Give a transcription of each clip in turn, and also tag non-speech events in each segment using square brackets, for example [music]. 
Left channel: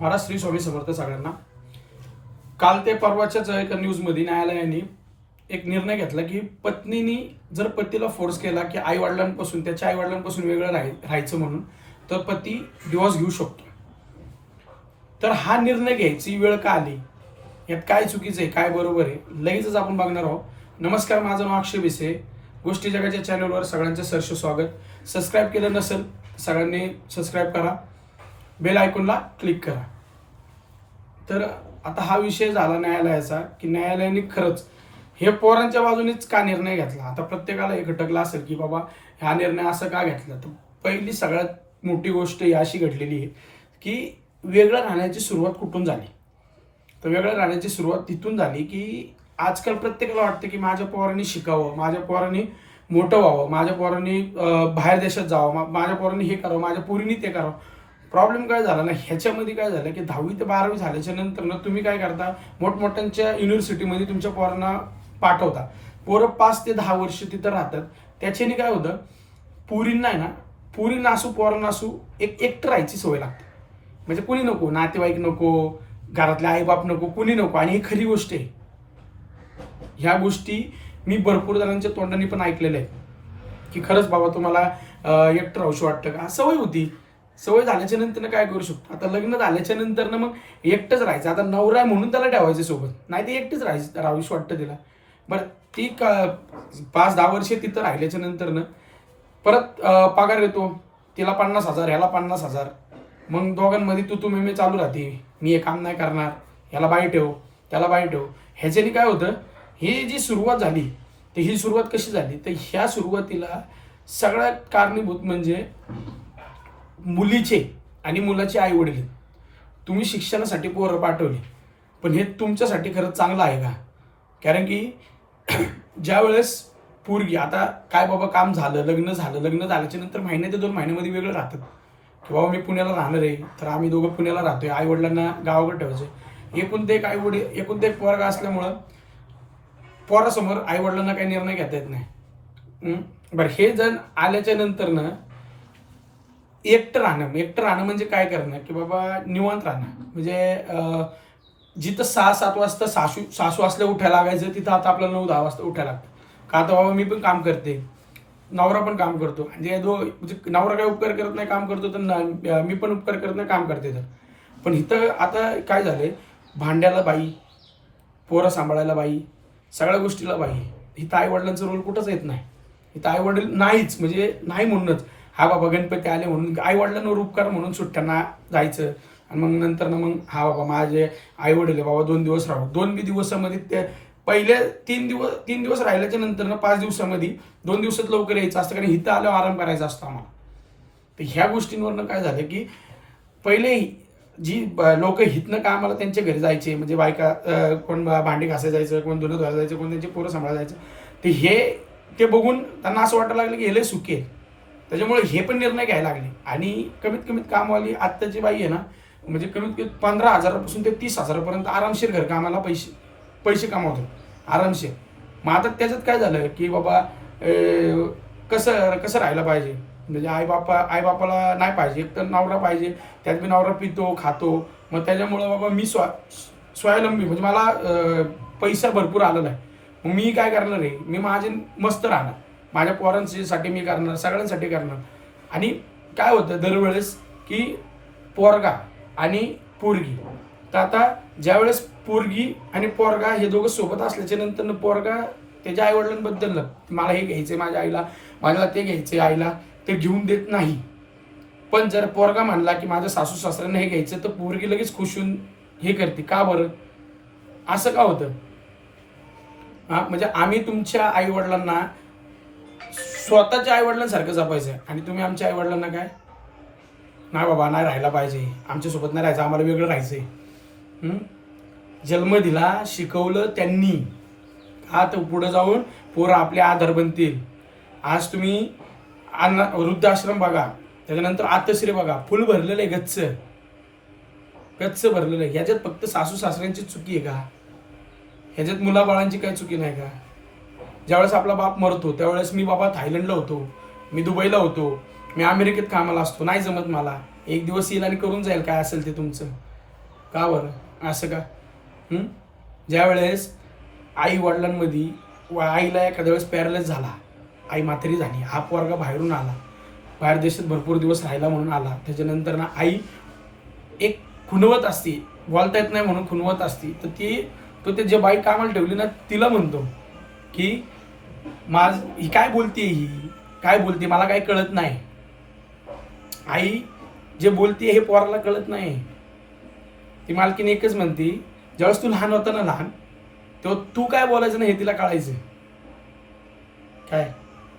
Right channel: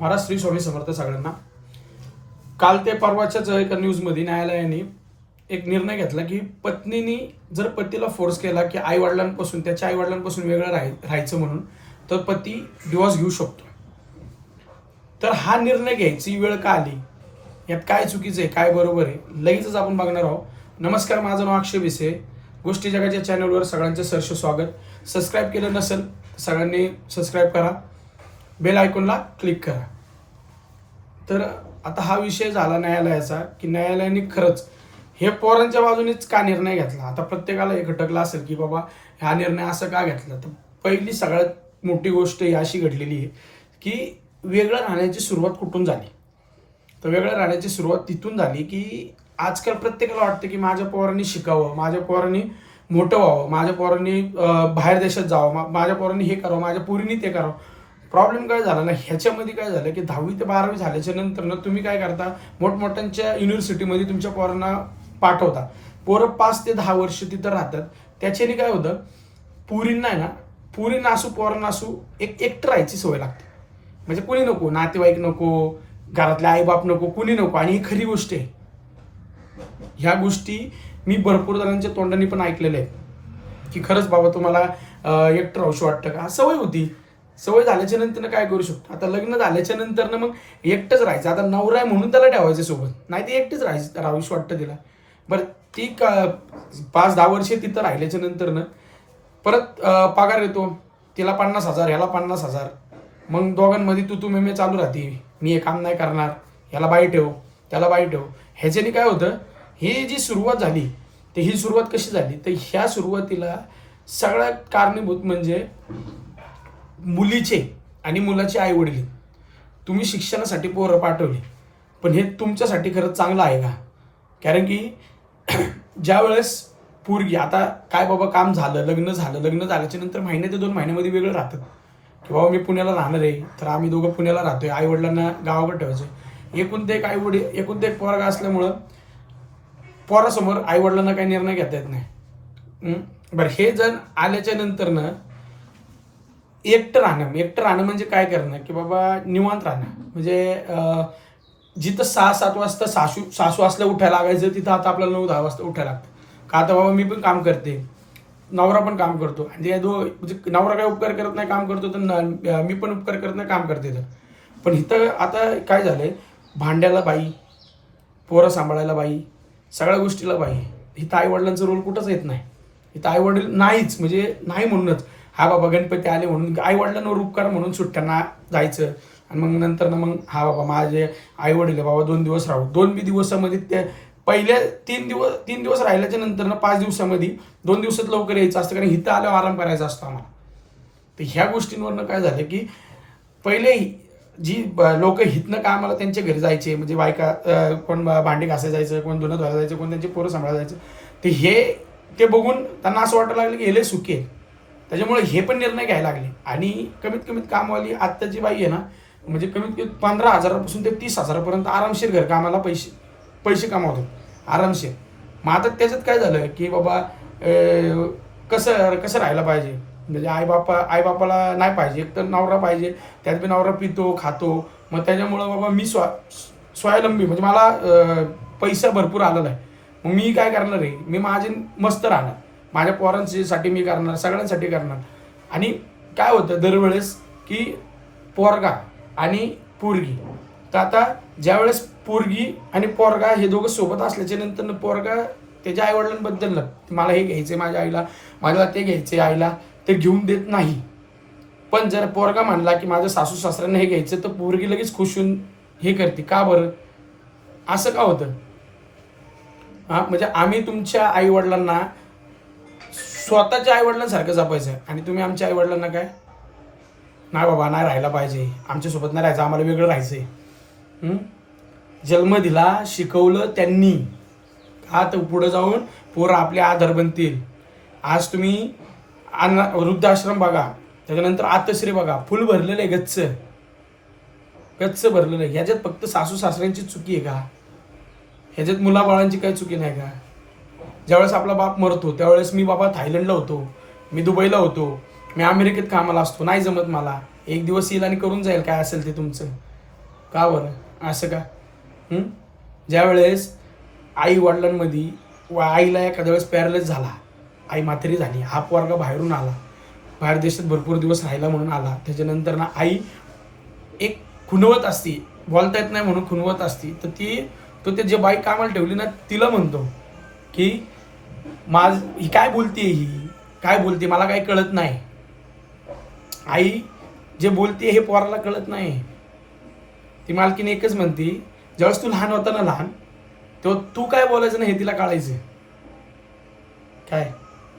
महाराज श्री स्वामी समर्थ सगळ्यांना. काल ते परवाच्याच एका न्यूजमध्ये न्यायालयाने एक निर्णय घेतला की पत्नीनी जर पतीला फोर्स केला की आई वडिलांपासून त्याच्या आई वडिलांपासून वेगळं राहाय राहायचं म्हणून तर पती डिवॉर्स घेऊ शकतो. तर हा निर्णय घ्यायची वेळ का आली? यात काय चुकीचं आहे काय बरोबर आहे लगेचच आपण बघणार आहोत. नमस्कार माझं नाव अक्षय विसे. गोष्टी जगाच्या चॅनलवर सगळ्यांचं सरस स्वागत. सबस्क्राईब केलं नसेल सगळ्यांनी सबस्क्राईब करा. बेल आयकॉनला क्लिक करा. तर आता हा विषय झाला न्यायालयाचा की न्यायालयाने खरंच हे पोरांच्या बाजूनेच का निर्णय घेतला? आता प्रत्येकाला एक घटकला असेल की बाबा हा निर्णय असं का घेतला? तर पहिली सगळ्यात मोठी गोष्ट ही अशी घडलेली आहे की वेगळं राहण्याची सुरुवात कुठून झाली? तर वेगळं राहण्याची सुरुवात तिथून झाली की आजकाल प्रत्येकाला वाटतं की माझ्या पोरांनी शिकावं माझ्या पोरांनी मोठं व्हावं माझ्या पोरांनी बाहेर देशात जावं माझ्या पोरांनी हे करावं माझ्या पोरीनी ते करावं. प्रॉब्लेम काय झाला ना ह्याच्यामध्ये काय झालं की दहावी ते बारावी झाल्याच्यानंतर ना तुम्ही काय करता मोठमोठ्यांच्या युनिव्हर्सिटीमध्ये तुमच्या पोरांना पाठवता. पोरं पाच ते दहा वर्ष तिथं राहतात. त्याच्याने काय होतं पुरींना आहे ना पुरींना असू पोरांना असू एक एकटं राहायची सवय लागते. म्हणजे कुणी नको नातेवाईक नको घरातले आईबाप नको कुणी नको. आणि ही खरी गोष्ट आहे. ह्या गोष्टी मी भरपूर जणांच्या तोंडाने पण ऐकलेल्या आहेत. की खरंच बाबा तुम्हाला एकटं राहूशी वाटतं का? सवय होती. सवय झाल्याच्यानंतर काय करू शकतो? आता लग्न झाल्याच्यानंतर मग एकटंच राहायचं. आता नवरा आहे म्हणून त्याला ठेवायचं सोबत. नाही ते एकटंच राहायचं राहूशी वाटतं तिला. बरं ती का पाच दहा वर्षे तिथं राहिल्याच्या नंतरनं परत पगार येतो. तिला पन्नास हजार ह्याला पन्नास हजार. मग दोघांमध्ये तू तू मे चालू राहते. मी हे काम नाही करणार. ह्याला बाई ठेव त्याला बाई ठेव. ह्याच्याने काय होतं? ही जी सुरुवात झाली तर ही सुरुवात कशी झाली? तर ह्या सुरुवातीला सगळ्यात कारणीभूत म्हणजे मुलीचे आणि मुलाचे आई वडील तुम्ही शिक्षणासाठी पोरं पाठवली. पण हे तुमच्यासाठी खरंच चांगलं आहे का? कारण की [clears throat] ज्या वेळेस पूर्गी आता काय बाबा काम झालं लग्न झालं लग्न झाल्याच्यानंतर महिन्या ते दोन महिन्यामध्ये वेगळं राहतात. की बाबा मी पुण्याला राहणार आहे तर आम्ही दोघं पुण्याला राहतो आई वडिलांना गावाकडे ठेवायचं एकूण ते एक आई वडील एकूण ते एक पोरगा असल्यामुळं पोरासमोर आई वडिलांना काही निर्णय घेता येत नाही. बरं हे जण आल्याच्यानंतर ना एकटं राहणं एकटं राहणं म्हणजे काय करणं? की बाबा निवांत राहणं. म्हणजे जिथं सहा सात वाजता सासू सासू असल्या उठायला लागायचं तिथं आता आपल्याला नऊ दहा वाजता उठायला लागतं. का आता बाबा मी पण काम करते. नवरा पण काम करतो. आणि दो म्हणजे नवरा काय उपकार करत नाही काम करतो तर न- मी पण उपकार करत नाही काम करते तर. पण इथं आता काय झालं आहे भांड्याला बाई पोरं सांभाळायला बाई सगळ्या गोष्टीला बाई. इथं आईवडिलांचं रोल कुठंच येत नाही. इथं आईवडील नाहीच म्हणजे नाही म्हणूनच. हा बाबा गणपती आले म्हणून आई वडिलांवर उपकार म्हणून सुट्ट्यांना जायचं. आणि मग नंतर ना मग हा बाबा माझे आई वडील बाबा दोन दिवस राहू. दोन बी दिवसामध्ये ते पहिले तीन दिवस तीन दिवस राहिल्याच्या नंतर ना पाच दिवसामध्ये दोन दिवसात लवकर यायचं असतं कारण इथं आल्यावर आराम करायचा असतो आम्हाला. तर ह्या गोष्टींवरनं काय झालं की पहिले जी लोक हितनं कामाला त्यांच्या घरी जायचे म्हणजे बायका कोण बा- भांडी घासायला जायचं कोण धुणं धुवायला जायचं कोण त्यांचे पोरं सांभाळायला जायचं ते हे ते बघून त्यांना असं वाटायला लागलं की हे लय सुखी आहे त्याच्यामुळे हे पण निर्णय घ्यायला लागले. आणि कमीत कमीत कामवाली आत्ताची बाई आहे ना म्हणजे कमीत कमी पंधरा हजारापासून ते तीस हजारापर्यंत आरामशीर घर कामाला पैसे पैसे कमावतात. आरामशीर. मग आता त्याच्यात काय झालं की बाबा कसं कसं राहायला पाहिजे? म्हणजे आई बापा आई बापाला नाही पाहिजे एक तर नवरा पाहिजे त्यात बी नवरा पितो खातो. मग त्याच्यामुळं बाबा मी स्वा स्वावलंबी म्हणजे मला पैसा भरपूर आलेला आहे. मग मी काय करणार आहे? मी माझे मस्त राहणार. माझ्या पोरांसाठी मी करणार सगळ्यांसाठी करणार. आणि काय होतं दरवेळेस की पोरगा आणि पोरगी. तर आता ज्यावेळेस पोरगी आणि पोरगा हे दोघं सोबत असल्याच्या नंतर पोरगा त्याच्या आईवडिलांबद्दल मला हे घ्यायचं आहे माझ्या आईला माझ्याला ते घ्यायचे आईला ते घेऊन देत नाही. पण जर पोरगा म्हणला की माझ्या सासू सासऱ्यांना हे घ्यायचं तर पोरगी लगेच खुश होऊन हे करते. का बरं? असं का होतं? हां म्हणजे आम्ही तुमच्या आईवडिलांना स्वतःच्या आईवडिलांसारखं जपायचं. आणि तुम्ही आमच्या आईवडिलांना काय? नाही बाबा नाही राहायला पाहिजे. आमच्यासोबत नाही राहायचं आम्हाला वेगळं राहायचं आहे जन्म दिला शिकवलं त्यांनी. का तर पुढं जाऊन पोरं आपले आधार बनतील. आज तुम्ही अन्न वृद्धाश्रम बघा. त्याच्यानंतर आतश्री बघा. फुल भरलेलं आहे गच्च. गच्च भरलेलं आहे. ह्याच्यात फक्त सासू सासऱ्यांची चुकी आहे का? ह्याच्यात मुलाबाळांची काही चुकी नाही का? ज्यावेळेस आपला बाप मरतो त्यावेळेस मी बाबा थायलंडला होतो. मी दुबईला होतो. मी अमेरिकेत कामाला असतो. नाही जमत मला. एक दिवस येईल आणि करून जाईल. काय असेल ते तुमचं. का बरं? असं का? ज्यावेळेस आई वडिलांमध्ये व आईला एखाद्या वेळेस पॅरलेस झाला आई म्हातारी झाली हा पोरगा बाहेरून आला बाहेर देशात भरपूर दिवस राहिला म्हणून आला त्याच्यानंतर ना आई एक खुणवत असती. बोलता येत नाही म्हणून खुणवत असती. तर ती तो ते जे बाई कामाला ठेवली ना तिला म्हणतो की माझ ही काय बोलते ही? काय बोलते मला काही कळत नाही. आई जे बोलते हे पोराला कळत नाही. ती मालकीने एकच म्हणते ज्यावेळेस तू लहान होता ना लहान तेव्हा तू काय बोलायचं ना हे तिला कळायचं काय?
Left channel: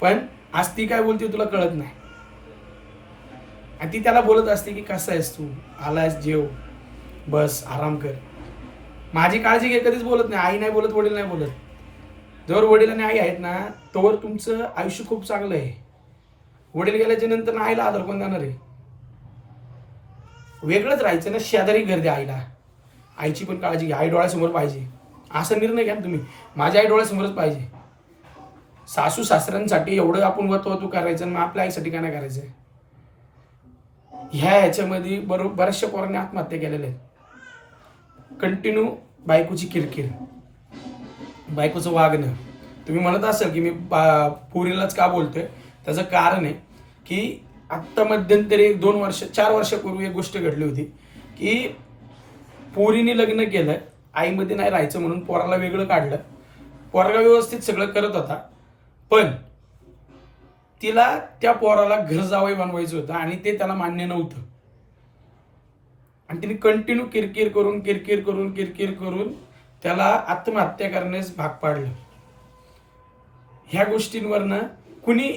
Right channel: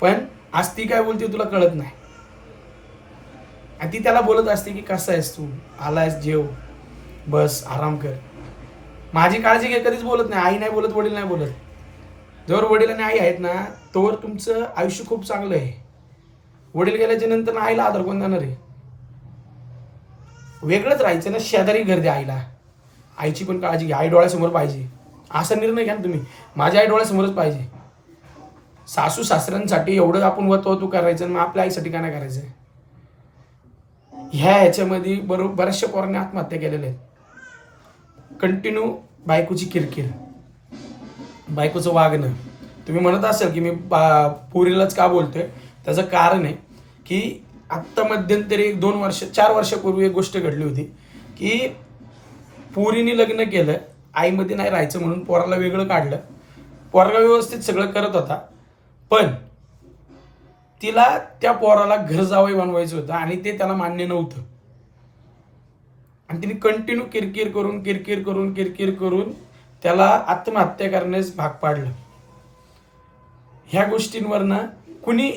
पण आज ती काय बोलते तुला कळत नाही. आणि ती त्याला बोलत असते की कसं आहेस तू? आलायस जेव. बस आराम कर. माझी काळजी घे कधीच बोलत नाही. आई नाही बोलत वडील नाही बोलत. जर वडील आणि आई आहेत ना तोवर तुमचं आयुष्य खूप चांगलं आहे. वडील गेल्याच्यानंतर ना आईला आदर कोण जाणार आहे? वेगळंच राहायचं ना शेजारी घर द्या आईला. आईची पण काळजी घ्या आई डोळ्यासमोर पाहिजे. असा निर्णय घ्या ना तुम्ही. माझ्या आई डोळ्यासमोरच पाहिजे. सासू सासऱ्यांसाठी एवढं आपण वतवतू करायचं मग आपल्या आईसाठी काय नाही करायचं? ह्या ह्याच्यामध्ये बरोबर बऱ्याचशा पोरांनी आत्महत्या केलेल्या आहेत. कंटिन्यू बायकोची किरकिर. बायकोचं वागणं. तुम्ही म्हणत असाल की मी बा पुरीलाच का बोलतोय? त्याचं कारण आहे की आत्ता मध्यंतरी एक दोन वर्ष चार वर्षापूर्वी एक गोष्ट घडली होती की पोरीने लग्न केलं आईमध्ये नाही राहायचं म्हणून पोराला वेगळं काढलं. पोरगा व्यवस्थित सगळं करत होता पण तिला त्या पोराला घर जावई बनवायचं होतं आणि ते त्याला मान्य नव्हतं. आणि तिने कंटिन्यू किरकिर करून किरकिर करून किरकिर करून त्याला आत्महत्या करण्यास भाग पाडलं. ह्या गोष्टींवरनं कुणी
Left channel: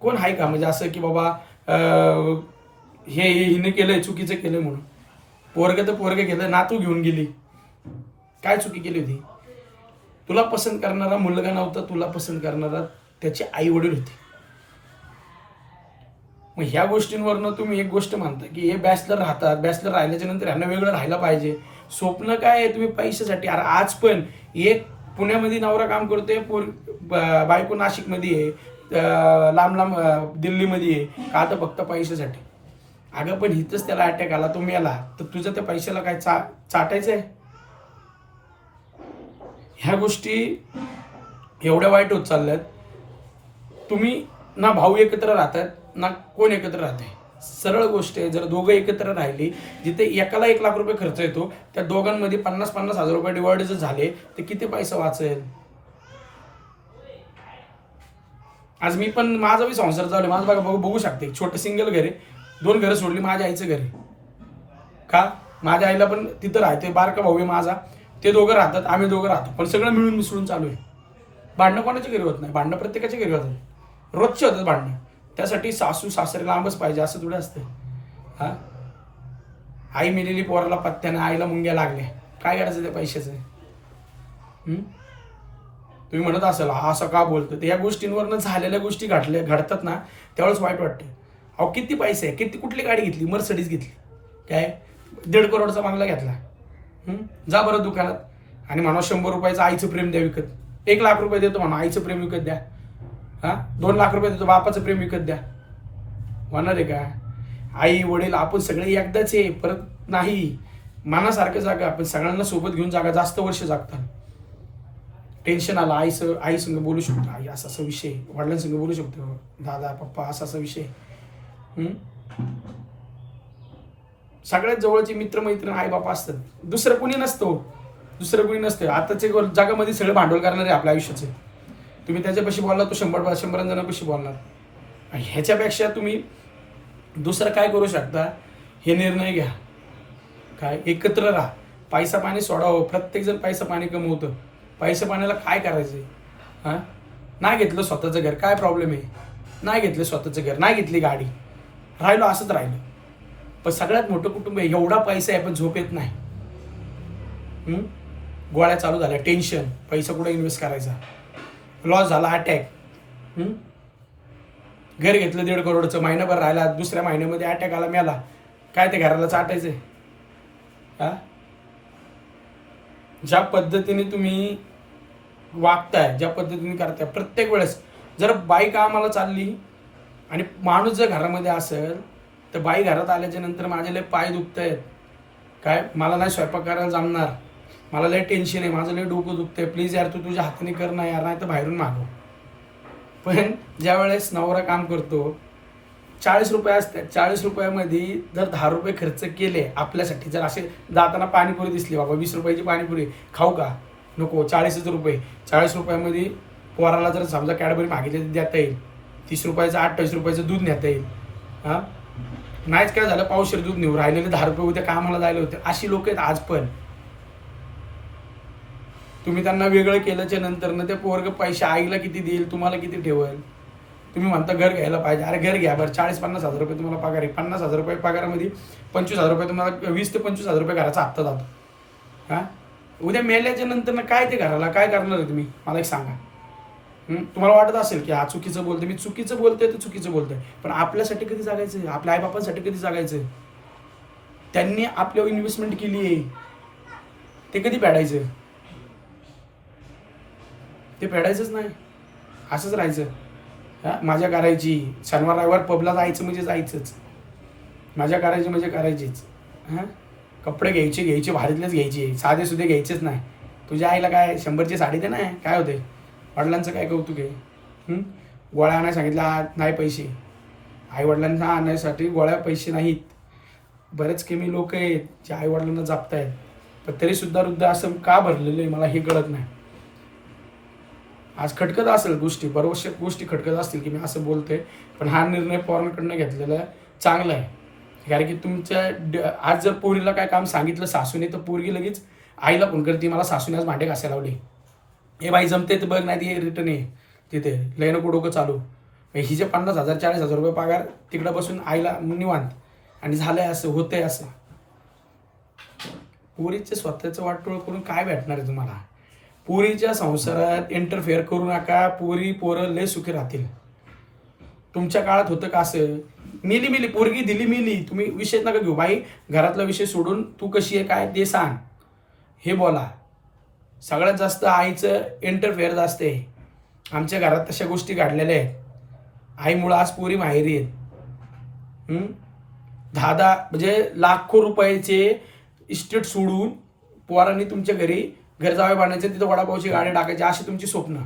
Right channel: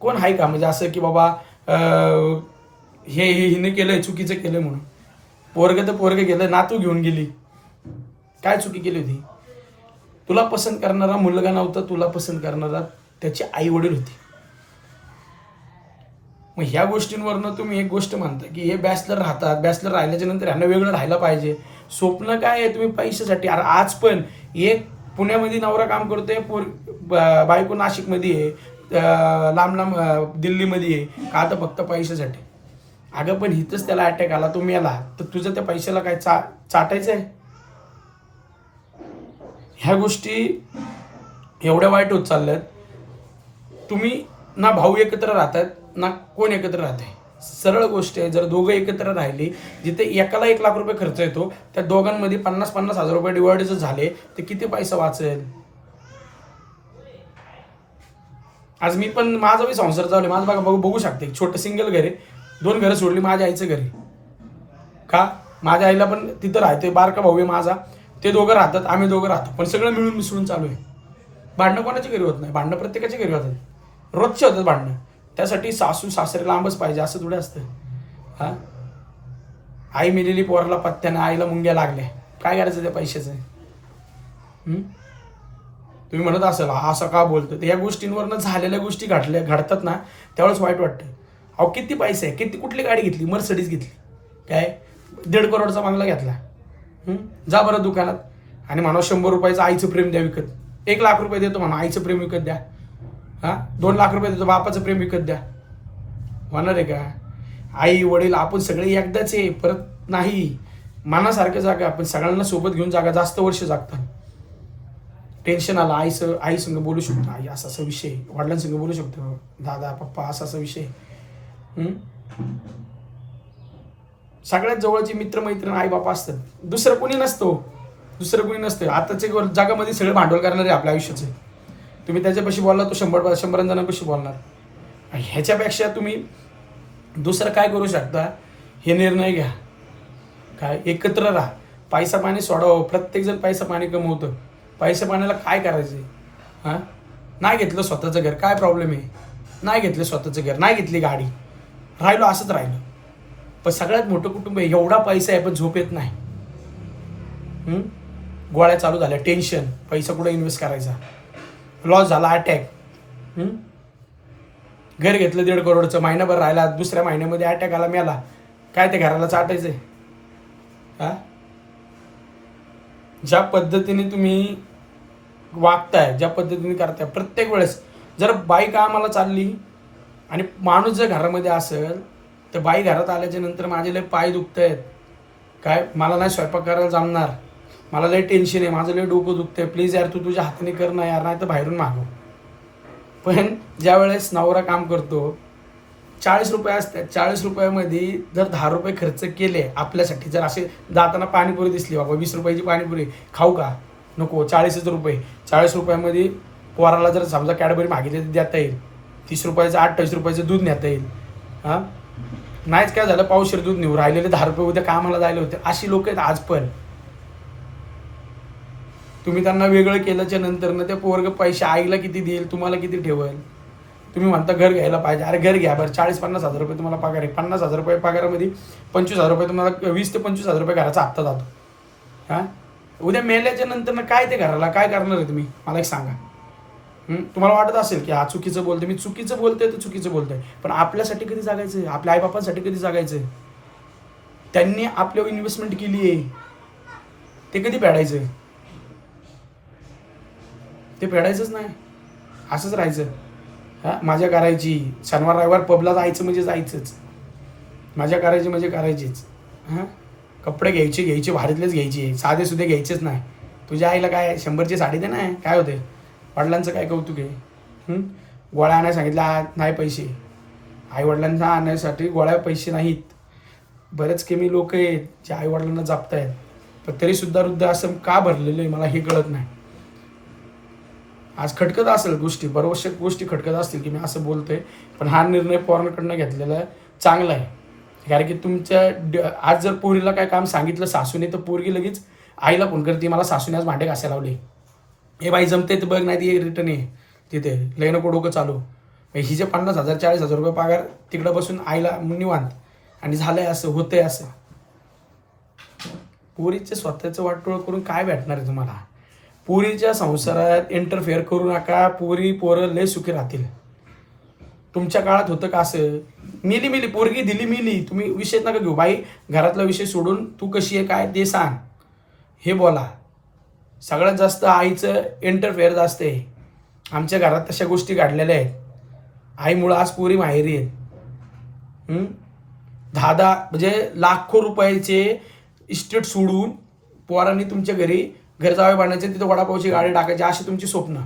कोण आहे का? म्हणजे असं की बाबा अं, हे हिने केलंय चुकीचं केलंय म्हणून. पोरग तर पोरग गेलं नातू घेऊन गेली. काय चुकी केली होती? तुला पसंत करणारा मुलगा नव्हता तुला पसंत करणारा त्याचे आई वडील होते. मग ह्या गोष्टींवरनं तुम्ही एक गोष्ट मानता की हे बॅचलर राहतात बॅचलर राहिल्याच्या नंतर ह्यांना वेगळं राहायला पाहिजे. स्वप्न काय आहे तुम्ही पैशासाठी? अरे आज पण एक पुण्यामध्ये नवरा काम करतोय पोर ब- बायको नाशिकमध्ये आहे लांब लांब दिल्लीमध्ये आहे. का तर फक्त पैशासाठी? अगं पण हिथंच त्याला अटॅक आला तो मेला. तर तुझं त्या पैशाला काय चा चाटायचं आहे ह्या गोष्टी एवढ्या वाईट होत चालल्यात. तुम्ही ना भाऊ एकत्र राहतात ना कोण एकत्र राहते सरळ गोष्ट आहे. जर दोघं एकत्र राहिली जिथे एकाला एक लाख रुपये खर्च येतो त्या दोघांमध्ये पन्नास पन्नास हजार रुपये डिवाइड जर झाले तर किती पैसा वाचेल? आज मी पण माझा बी संसार चालू आहे. माझं बघा बघू बघू शकते. छोटं सिंगल घर आहे. दोन घरं सोडली माझ्या आईचं घर आहे. का? माझ्या आईला पण तिथं राहते बारका भाऊ आहे माझा. ते दोघं राहतात आम्ही दोघं राहतो. पण सगळं मिळून मिसळून चालू आहे. भांडणं कोणाच्या घरी होत नाही? भांडणं प्रत्येकाच्या घरी होतात. रोजचे होतात भांडणं. त्यासाठी सासू सासरे लांबच पाहिजे असं थोडं असतं हां? आई मिलेली पोराला पत्त्यानं आईला मुंग्या लागल्या. काय करायचं त्या पैशाचं? तुम्ही म्हणत असाल हा असं का बोलतो तर या गोष्टींवरनं झालेल्या गोष्टी घडल्या घडतात ना त्यावेळेस वाईट वाटतं अहो किती पैसे आहे किती कुठली गाडी घेतली? मर्सडीज घेतली. काय? दीड करोडचा बंगला घेतला. जा बरं दुकानात. आणि म्हणा शंभर रुपयाचं आईचं प्रेम द्या विकत. एक लाख रुपये देतो म्हणा आईचं प्रेम विकत द्या. हां? दोन लाख रुपये तुझं बापाचं प्रेम विकत द्या. होणार आहे का? आई वडील आपण सगळे एकदाच आहे परत नाही. मनासारखं जागा आपण सगळ्यांना सोबत घेऊन जागा जास्त वर्ष जागतात. टेन्शन आलं आई स आई संग बोलू शकतो. आई असा असा विषय वडिलांसंग बोलू शकतो. दादा पप्पा असा असा विषय सगळ्यात जवळचे मित्रमैत्रीण आई बापा असतात. दुसरं कोणी नसतो हो. दुसरं कोणी नसतं. आताचे जगामध्ये सगळे भांडवल करणारे आपल्या आयुष्याचे. तुम्ही त्याच्यापाशी बोलला तो शंभर शंभर जणांपाशी बोलणार. ह्याच्यापेक्षा तुम्ही दुसरं काय करू शकता हे निर्णय घ्या. काय? एकत्र राहा. पैसा पाणी सोडावं. प्रत्येकजण पैसा पाणी कमवतं. पैसा पाण्याला काय करायचं आहे? हां? नाही घेतलं स्वतःचं घर. काय प्रॉब्लेम आहे? नाही घेतलं स्वतःचं घर. नाही घेतली गाडी. राहिलो असंच राहिलो. पण सगळ्यात मोठं कुटुंब आहे. एवढा पैसा आहे पण झोप येत नाही गोळ्या चालू झाल्या. टेन्शन पैसा कुठं इन्व्हेस्ट करायचा? लॉस झाला अटॅक घर घेतलं दीड करोडचं महिनाभर राहिला दुसऱ्या महिन्यामध्ये अटॅक आला मेला. काय ते घराला चाटायचंय हा? ज्या पद्धतीने तुम्ही वागताय ज्या पद्धतीने करताय प्रत्येक वेळेस जर बाई कामाला चालली आणि माणूस जर घरामध्ये असेल तर बाई घरात आल्याच्यानंतर माझे लय पाय दुखत आहेत काय? मला नाही स्वयंपाक करायला जमणार. मला लय टेन्शन आहे माझं लय डोकं दुखतंय. प्लीज यार तू तुझ्या हाताने कर ना यार नाही तर बाहेरून मागव. पण ज्या वेळेस नवरा काम करतो चाळीस रुपये असतात. चाळीस रुपयामध्ये जर दहा रुपये खर्च केले आपल्यासाठी जर असे जाताना पाणीपुरी दिसली बाबा वीस रुपयाची पाणीपुरी खाऊ का? नको चाळीसच रुपये. चाळीस रुपयामध्ये पोराला जर समजा कॅडबरी मागितली तर देता येईल. तीस रुपयाचं अठ्ठावीस रुपयाचं दूध नेता येईल. हां? नाहीच काय झालं पावशेर दूध नेऊ राहिलेले दहा रुपये उद्या कामाला जायला होते. अशी लोक आहेत आज पण. तुम्ही त्यांना वेगळं केल्याच्यानंतर ना ते पोरग पैसे आईला किती देईल तुम्हाला किती ठेवेल? तुम्ही म्हणता घर घ्यायला पाहिजे. अरे घर घ्या बरं. चाळीस पन्नास हजार रुपये तुम्हाला पगार आहे. पन्नास हजार रुपये पगारामध्ये पंचवीस हजार रुपये तुम्हाला वीस ते पंचवीस हजार रुपये घराचा हप्ता जातो. हां? उद्या मेल्याच्या नंतर ना काय ते घराला काय करणार आहे तुम्ही? मला एक सांगा. तुम्हाला वाटत असेल की हा चुकीचं बोलते मी चुकीचं बोलते तर चुकीचं बोलतोय. पण आपल्यासाठी कधी जागायचं आहे आपल्या आईबापांसाठी कधी जागायचं आहे त्यांनी आपल्यावर इन्व्हेस्टमेंट केली आहे ते कधी फेडायचं ते फेडायचंच नाही. असंच राहायचं. हां माझ्या करायची. शनिवार रविवार पबला जायचं म्हणजे जायचंच. माझ्या करायची म्हणजे करायचीच. हां? कपडे घ्यायचे घ्यायचे भारीतलेच घ्यायचे. साधे सुधे घ्यायचेच नाही. तुझ्या आईला काय शंभरची साडी दे नाही काय होते वडिलांचं काय कौतुक आहे? गोळ्या आणायला सांगितलं नाही पैसे. आईवडिलांना आणण्यासाठी गोळ्या पैसे नाहीत. बरेच कमी लोक आहेत जे आईवडिलांना जपतायत. पण तरीसुद्धा वृद्ध असं का भरलेलं आहे? मला हे कळत नाही. आज खटकत असेल गोष्टी बरोबर गोष्टी खटकत असतील की मी असं बोलतोय पण हा निर्णय पवारांकडनं घेतलेला चांगला आहे. कारण की तुमच्या ड- आज जर पोरीला काय काम सांगितलं सासूने तर पोरगी लगेच आईला फोन करते मला सासूने आज भांडे घासायला लावले. हे बाई जमते तर बघ नाही ती रिटर्न ये तिथे. लय नको डोकं चालू ही जे पन्नास हजार चाळीस हजार रुपये पगार तिकडं बसून आईला निवांत. आणि झालंय असं होतंय असं. पोरीचे स्वतःचं वाटोळ करून काय भेटणार आहे तुम्हाला? पोरीच्या संसारात इंटरफेअर करू नका. पोरी पोरं लय सुखी राहतील. तुमच्या काळात होतं का असं? मिली मिली पोरगी दिली मिली. तुम्ही विषय नका घेऊ. बाई घरातला विषय सोडून तू कशी आहे काय ते सांग. हे बोला. सगळ्यात जास्त आईचं इंटरफेअर जास्त आहे. आमच्या घरात तशा गोष्टी घडलेल्या आहेत. आईमुळं आज पोरी माहेरी आहेत. दहा दहा म्हणजे लाखो रुपयाचे इस्टेट सोडून पोरांनी तुमच्या घरी घर जावे बांधायचे तिथं वडापावची गाडी टाकायची अशी तुमची स्वप्न.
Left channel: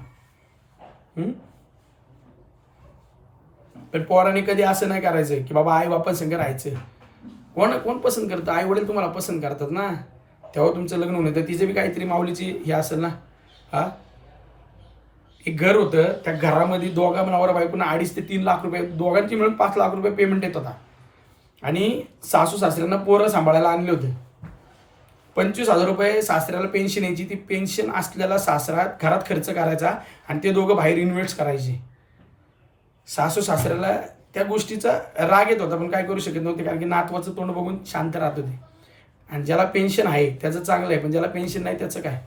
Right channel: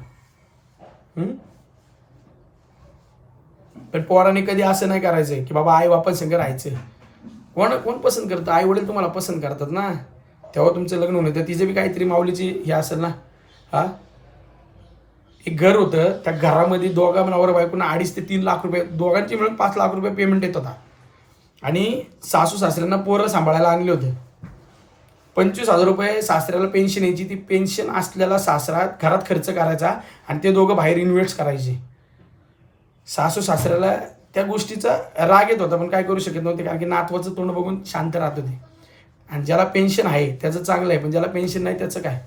पण पोरांनी कधी असं नाही करायचं की बाबा आई बापा संग राहायचं कोण कोण पसंत करतं? आई वडील तुम्हाला पसंत करतात ना. तेव्हा तुमचं लग्न होणं तर तिचं बी काहीतरी माऊलीची हे असेल ना. हा? एक घर होतं. त्या घरामध्ये दोघा नवरा बायकोना अडीच ते तीन लाख रुपये दोघांची मिळून पाच लाख रुपये पेमेंट येत होता. आणि सासू सासऱ्यांना पोरं सांभाळायला आणले होते. पंचवीस हजार रुपये सासऱ्याला पेन्शन यायची. ती पेन्शन असलेला सासरा घरात खर्च करायचा आणि ते दोघं बाहेर इन्व्हेस्ट करायचे. सासू सासऱ्याला त्या गोष्टीचा राग येत होता पण काय करू शकत नव्हते कारण की नातवाचं तोंड बघून शांत राहत होते. आणि ज्याला पेन्शन आहे त्याचं चांगलं आहे पण ज्याला पेन्शन नाही त्याचं काय?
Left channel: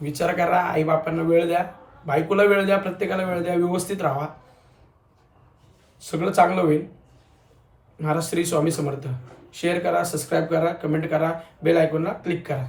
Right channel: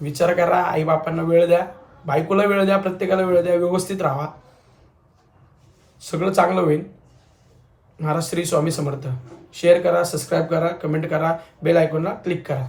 विचार करा आई बापांना वेळ द्या बायकोला वेळ द्या प्रत्येकाला वेळ द्या व्यवस्थित राहा. सगळं चांगलं होईल. महाराज श्री स्वामी समर्थ. शेअर करा सबस्क्राईब करा कमेंट करा बेल आयकॉनला क्लिक करा.